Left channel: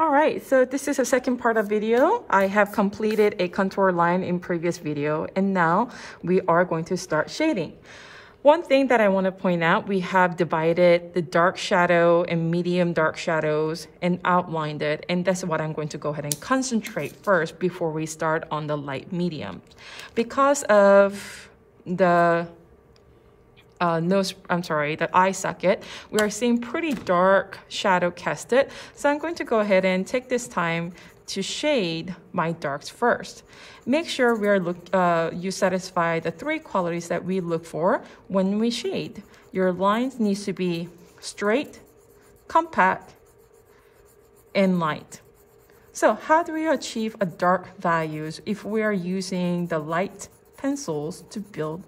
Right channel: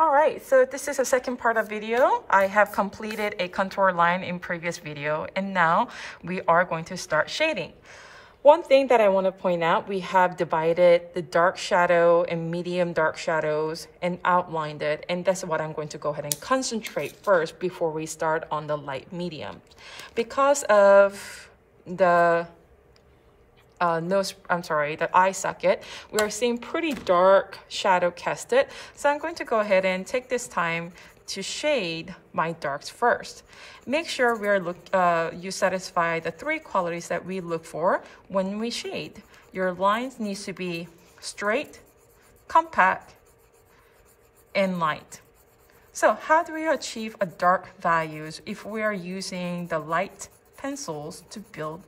All right, so this is a second part of video. I have completed a contour line in previous video, and now we are going to start shading. One thing that I want to point out, we have divided the dark shadow and medium dark shadows and outlined it, and that's what I'm going to go ahead and concentrate first before we start on the light medium. Because of the the eye socket, we are seeing pretty dark shadow casted. So I'm going to go ahead and take this time to shade my darks first. Make sure you satisfy the three qualities that we look for when we shade. Your lines needs to be straight, compact, and light. So how do we achieve a dark values if we are using the light pencils to build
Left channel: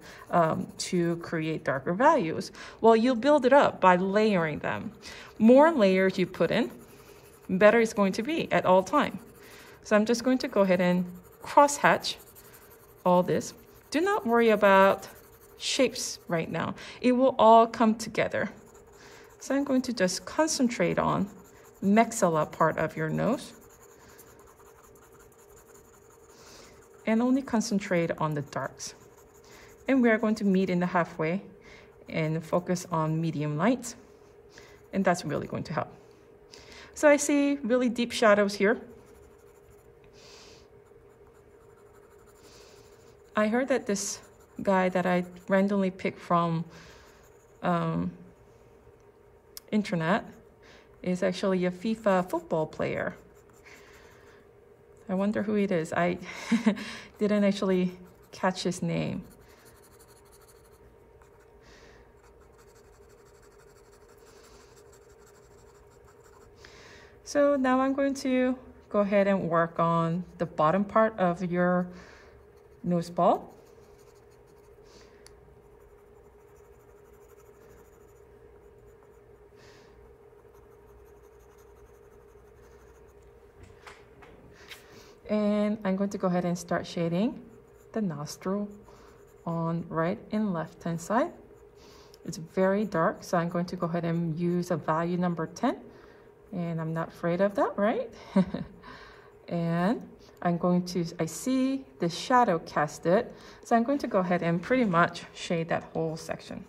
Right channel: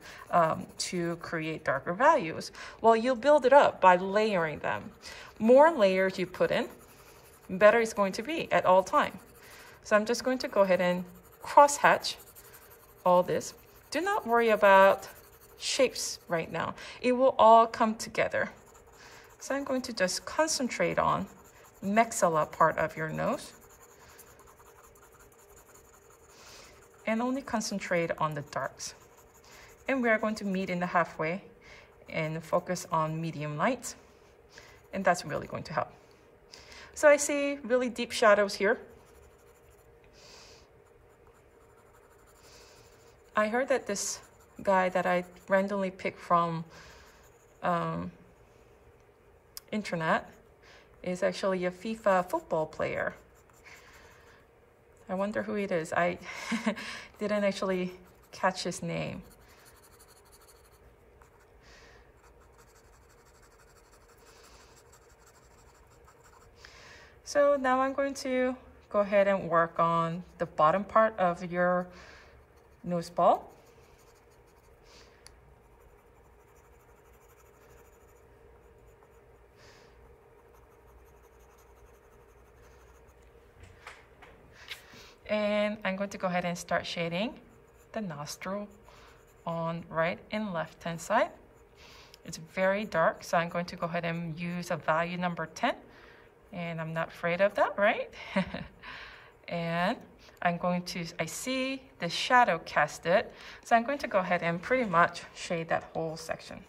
to create darker values? Well, you'll build it up by layering them. More layers you put in, better it's going to be at all time. So I'm just going to go ahead and cross hatch all this. Do not worry about shapes right now. It will all come together. So I'm going to just concentrate on maxilla part of your nose, and only concentrate on the darks. And we are going to meet in the halfway and focus on medium light. And that's really going to help. So I see really deep shadows here. I heard that this guy that I randomly picked from internet is actually a FIFA football player. I wonder who it is. I didn't actually catch his name. So now I'm going to go ahead and work on the bottom part of your nose ball. And I'm going to go ahead and start shading the nostril on right and left hand side. It's very dark, so I'm going to go ahead and use a value number 10. And I'm not afraid of that, right? And I see the shadow casted, so I'm going to go ahead and pretty much shade that whole section.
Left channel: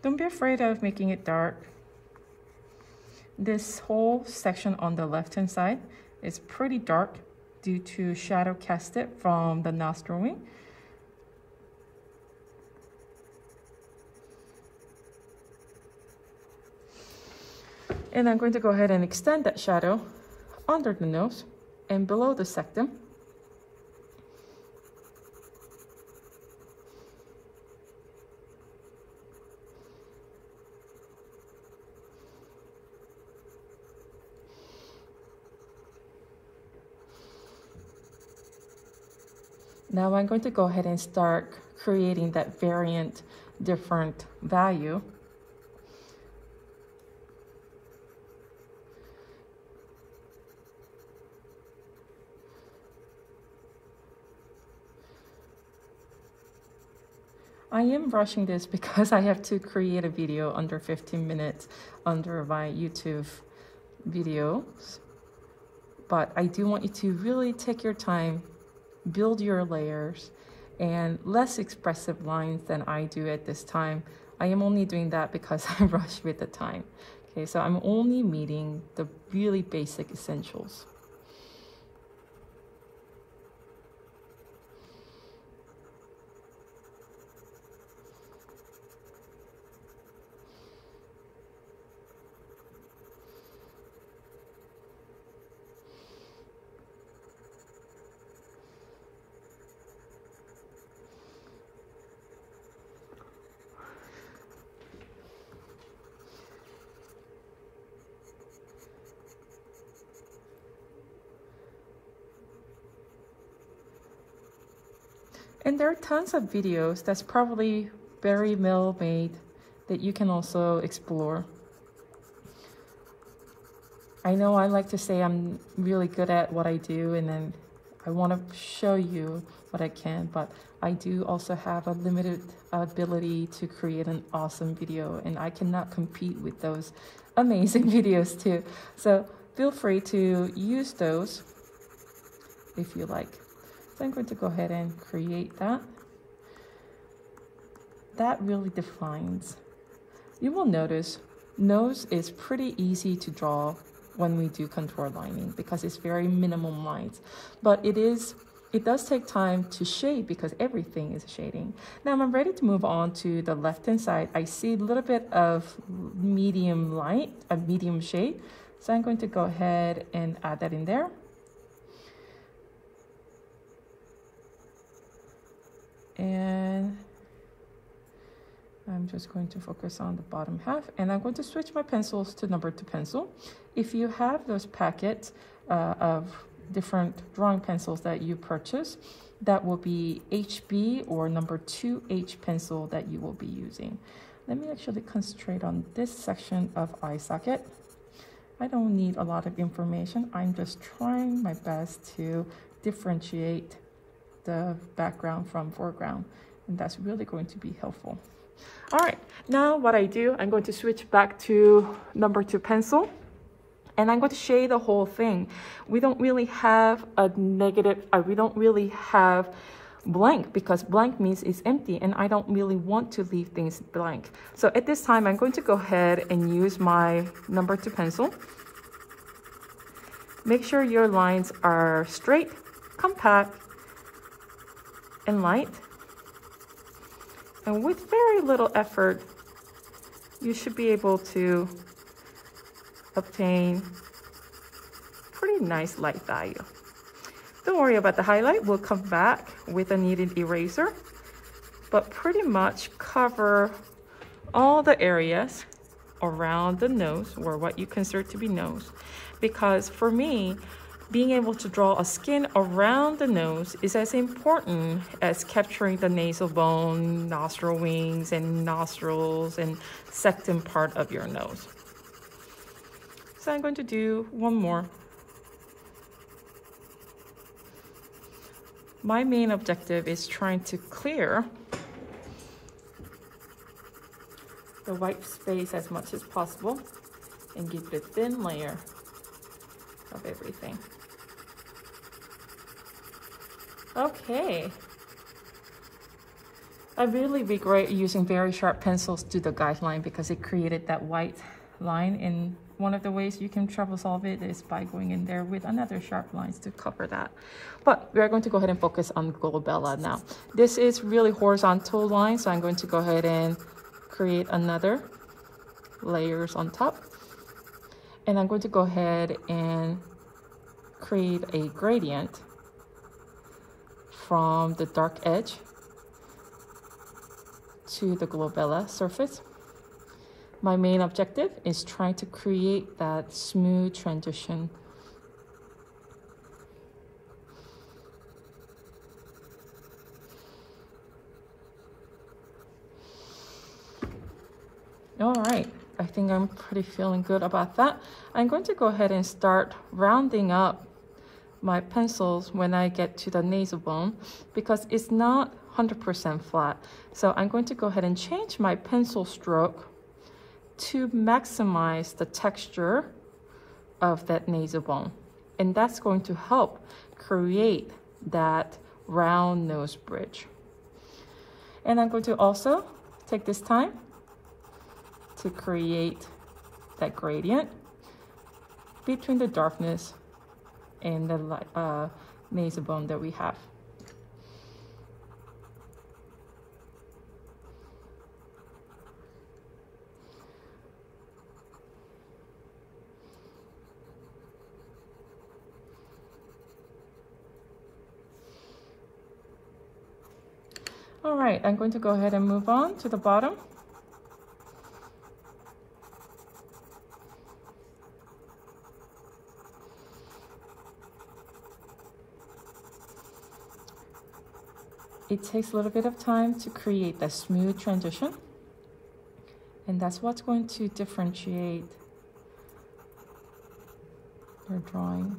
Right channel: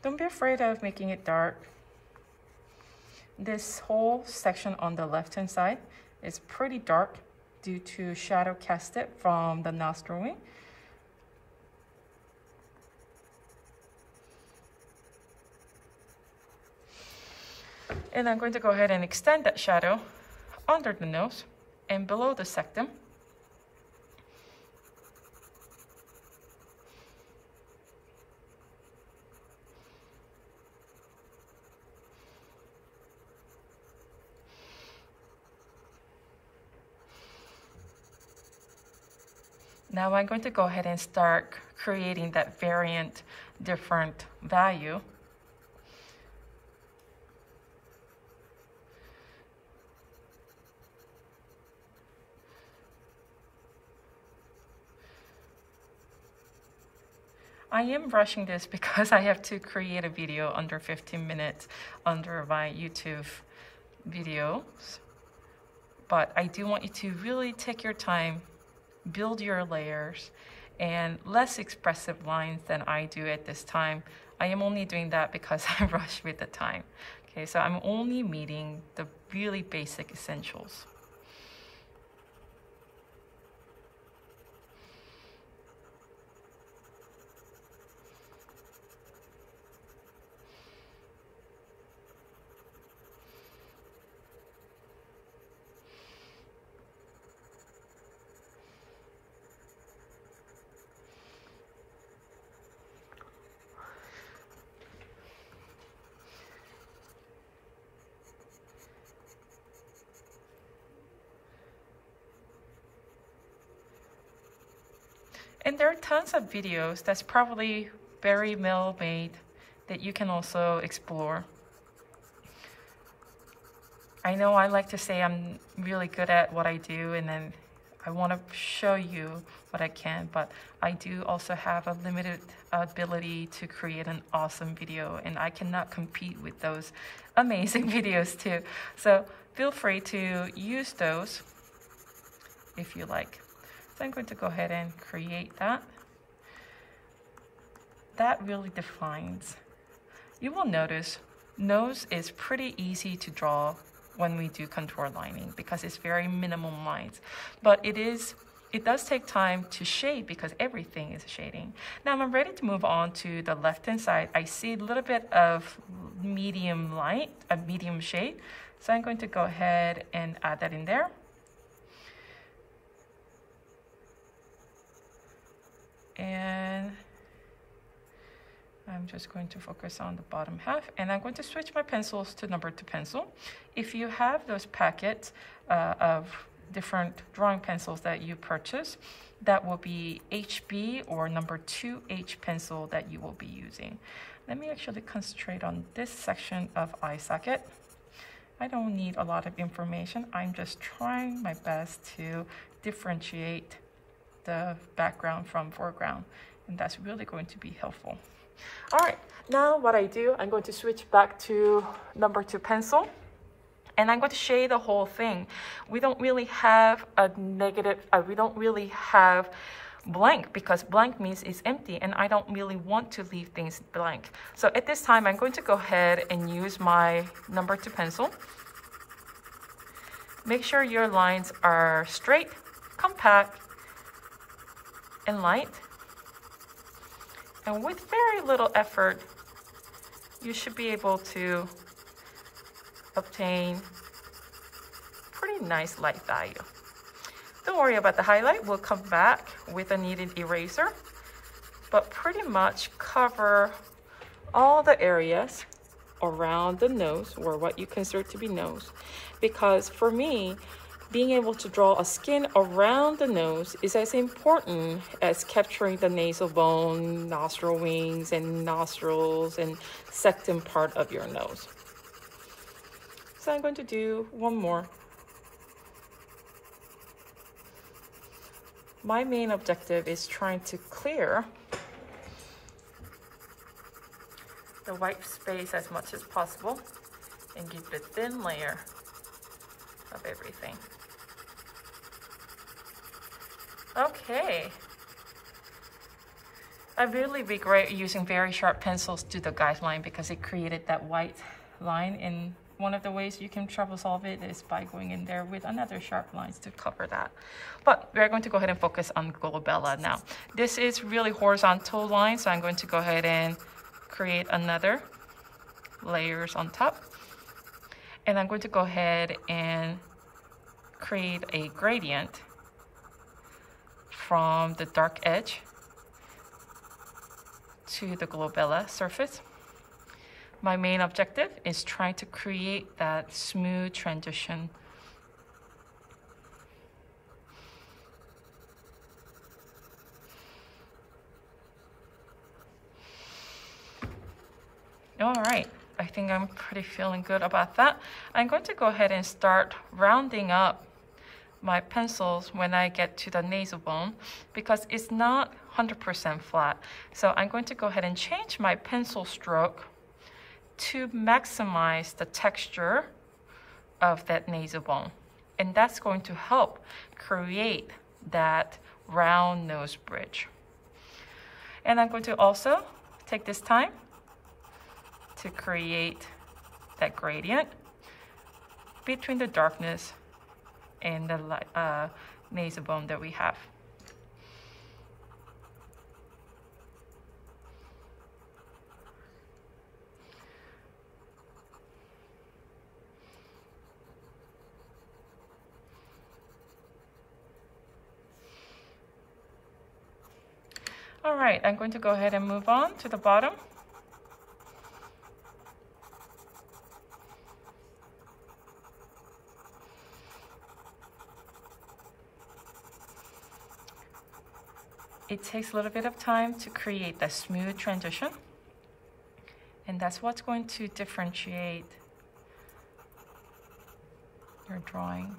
Don't be afraid of making it dark. This whole section on the left-hand side is pretty dark due to shadow casted from the nostril wing. And I'm going to go ahead and extend that shadow under the nose and below the septum. Now I'm going to go ahead and start creating that variant different value. I am rushing this because I have to create a video under 15 minutes under my YouTube videos. But I do want you to really take your time, build your layers, and less expressive lines than I do at this time. I am only doing that because I rush with the time. Okay, so I'm only meeting the really basic essentials. And there are tons of videos that's probably very well made that you can also explore. I know I like to say I'm really good at what I do, and then I want to show you what I can, but I do also have a limited ability to create an awesome video, and I cannot compete with those amazing videos too. So feel free to use those if you like. So I'm going to go ahead and create that. That really defines. You will notice nose is pretty easy to draw when we do contour lining because it's very minimum lines, but it does take time to shade because everything is shading. Now I'm ready to move on to the left-hand side. I see a little bit of medium light, a medium shade. So I'm going to go ahead and add that in there. And I'm just going to focus on the bottom half, and I'm going to switch my pencils to number 2 pencil. If you have those packets of different drawing pencils that you purchase, that will be HB or number 2H pencil that you will be using. Let me actually concentrate on this section of eye socket. I don't need a lot of information. I'm just trying my best to differentiate the background from foreground, and that's really going to be helpful. All right, now what I do, I'm going to switch back to number 2 pencil, and I'm going to shade the whole thing. We don't really have a negative, we don't really have blank because blank means it's empty, and I don't really want to leave things blank. So at this time, I'm going to go ahead and use my number 2 pencil. Make sure your lines are straight, compact, and light. And with very little effort, you should be able to obtain pretty nice light value. Don't worry about the highlight. We'll come back with a kneaded eraser, but pretty much cover all the areas around the nose, or what you consider to be nose. Because for me, being able to draw a skin around the nose is as important as capturing the nasal bone, nostril wings, and nostrils, and second part of your nose. So I'm going to do one more. My main objective is trying to clear the white space as much as possible and give a thin layer of everything. Okay. I'd really be great using very sharp pencils to the guideline because it created that white line, and one of the ways you can trouble solve it is by going in there with another sharp lines to cover that. But we're going to go ahead and focus on glabella now. This is really horizontal line, so I'm going to go ahead and create another layers on top. And I'm going to go ahead and create a gradient from the dark edge to the glabella surface. My main objective is trying to create that smooth transition. All right, I think I'm pretty feeling good about that. I'm going to go ahead and start rounding up my pencils when I get to the nasal bone because it's not 100% flat. So I'm going to go ahead and change my pencil stroke to maximize the texture of that nasal bone. And that's going to help create that round nose bridge. And I'm going to also take this time to create that gradient between the darkness and the nasal bone that we have. All right, I'm going to go ahead and move on to the bottom. It takes a little bit of time to create that smooth transition, and that's what's going to differentiate your drawing.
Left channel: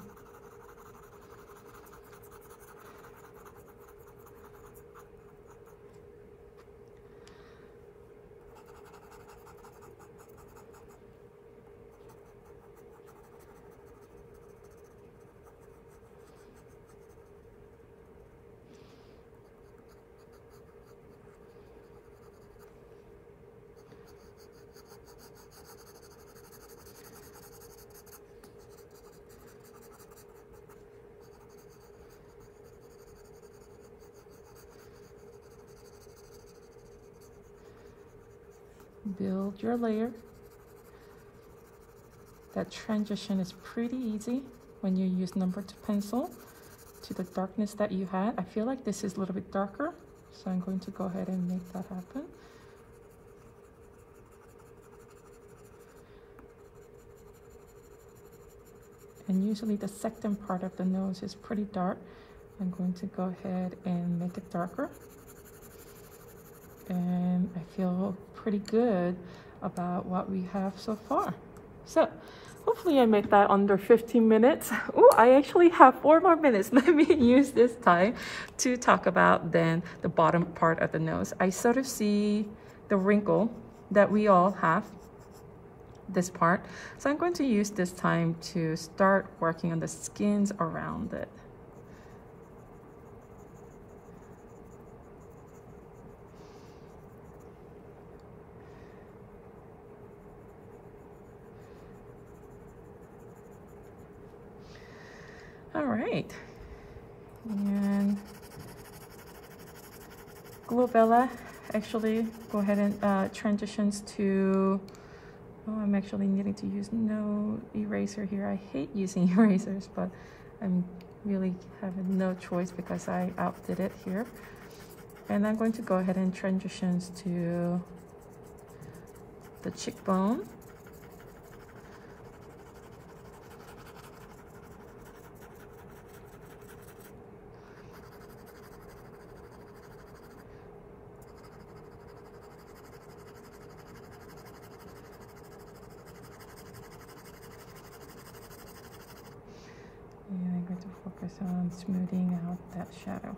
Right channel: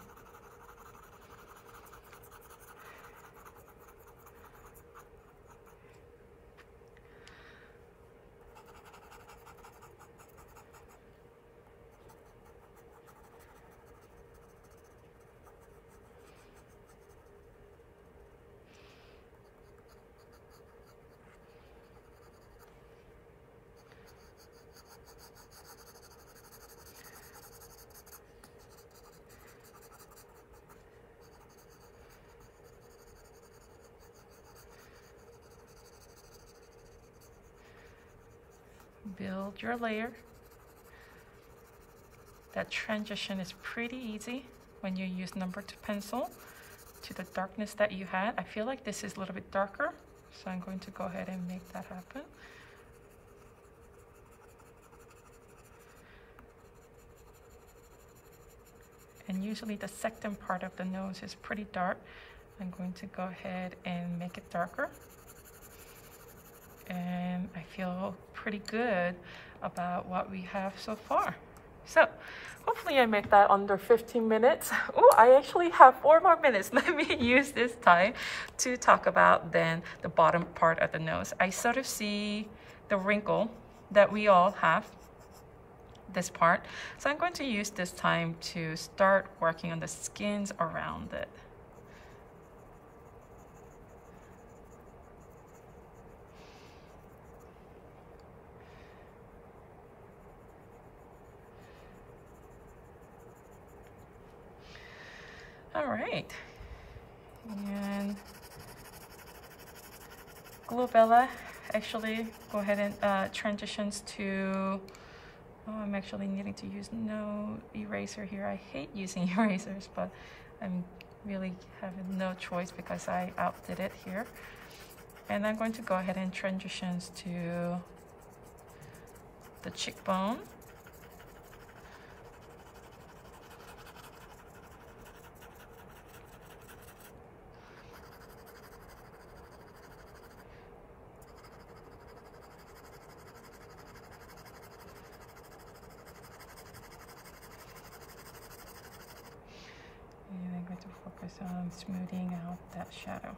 Build your layer. That transition is pretty easy when you use number 2 pencil to the darkness that you had. I feel like this is a little bit darker, so I'm going to go ahead and make that happen. And usually the second part of the nose is pretty dark. I'm going to go ahead and make it darker. And I feel pretty good about what we have so far. So hopefully I make that under 15 minutes. Oh, I actually have 4 more minutes. Let me use this time to talk about then the bottom part of the nose. I sort of see the wrinkle that we all have, this part. So I'm going to use this time to start working on the skins around it. All right, and glabella actually go ahead and transitions to, oh, I'm actually needing to use no eraser here. I hate using erasers, but I'm really having no choice because I outdid it here. And I'm going to go ahead and transitions to the cheekbone. And I'm going to focus on smoothing out that shadow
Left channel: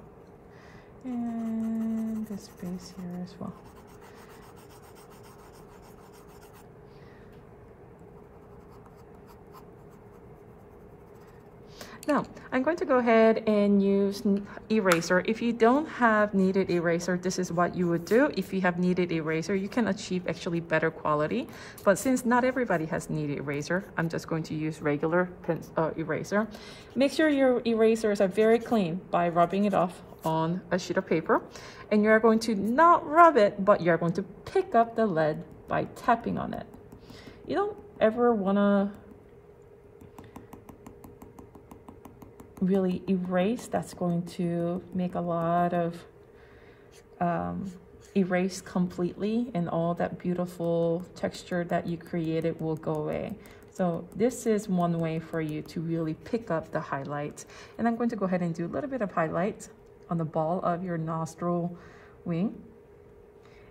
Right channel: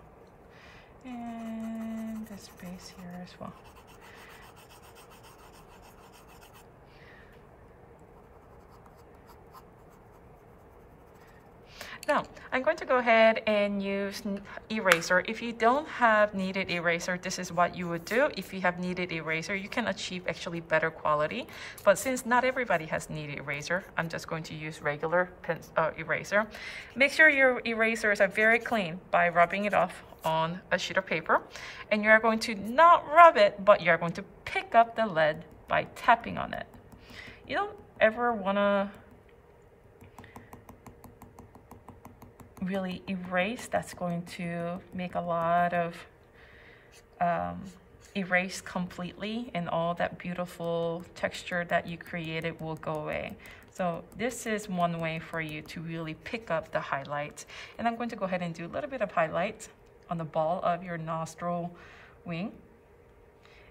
and this space here as well. Now, I'm going to go ahead and use eraser. If you don't have kneaded eraser, this is what you would do. If you have kneaded eraser, you can achieve actually better quality. But since not everybody has kneaded eraser, I'm just going to use regular eraser. Make sure your erasers are very clean by rubbing it off on a sheet of paper. And you're going to not rub it, but you're going to pick up the lead by tapping on it. You don't ever want to really erase. That's going to make a lot of erase completely, and all that beautiful texture that you created will go away. So this is one way for you to really pick up the highlights. And I'm going to go ahead and do a little bit of highlights on the ball of your nostril wing.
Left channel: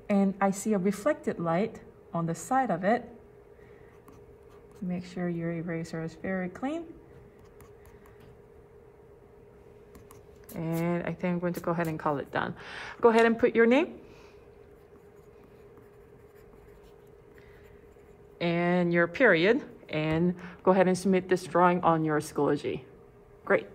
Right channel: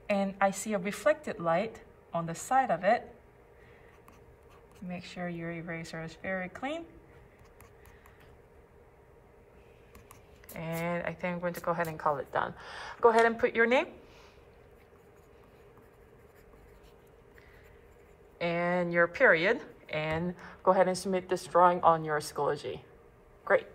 And I see a reflected light on the side of it. Make sure your eraser is very clean. And I think I'm going to go ahead and call it done. Go ahead and put your name and your period, and go ahead and submit this drawing on your Schoology. Great.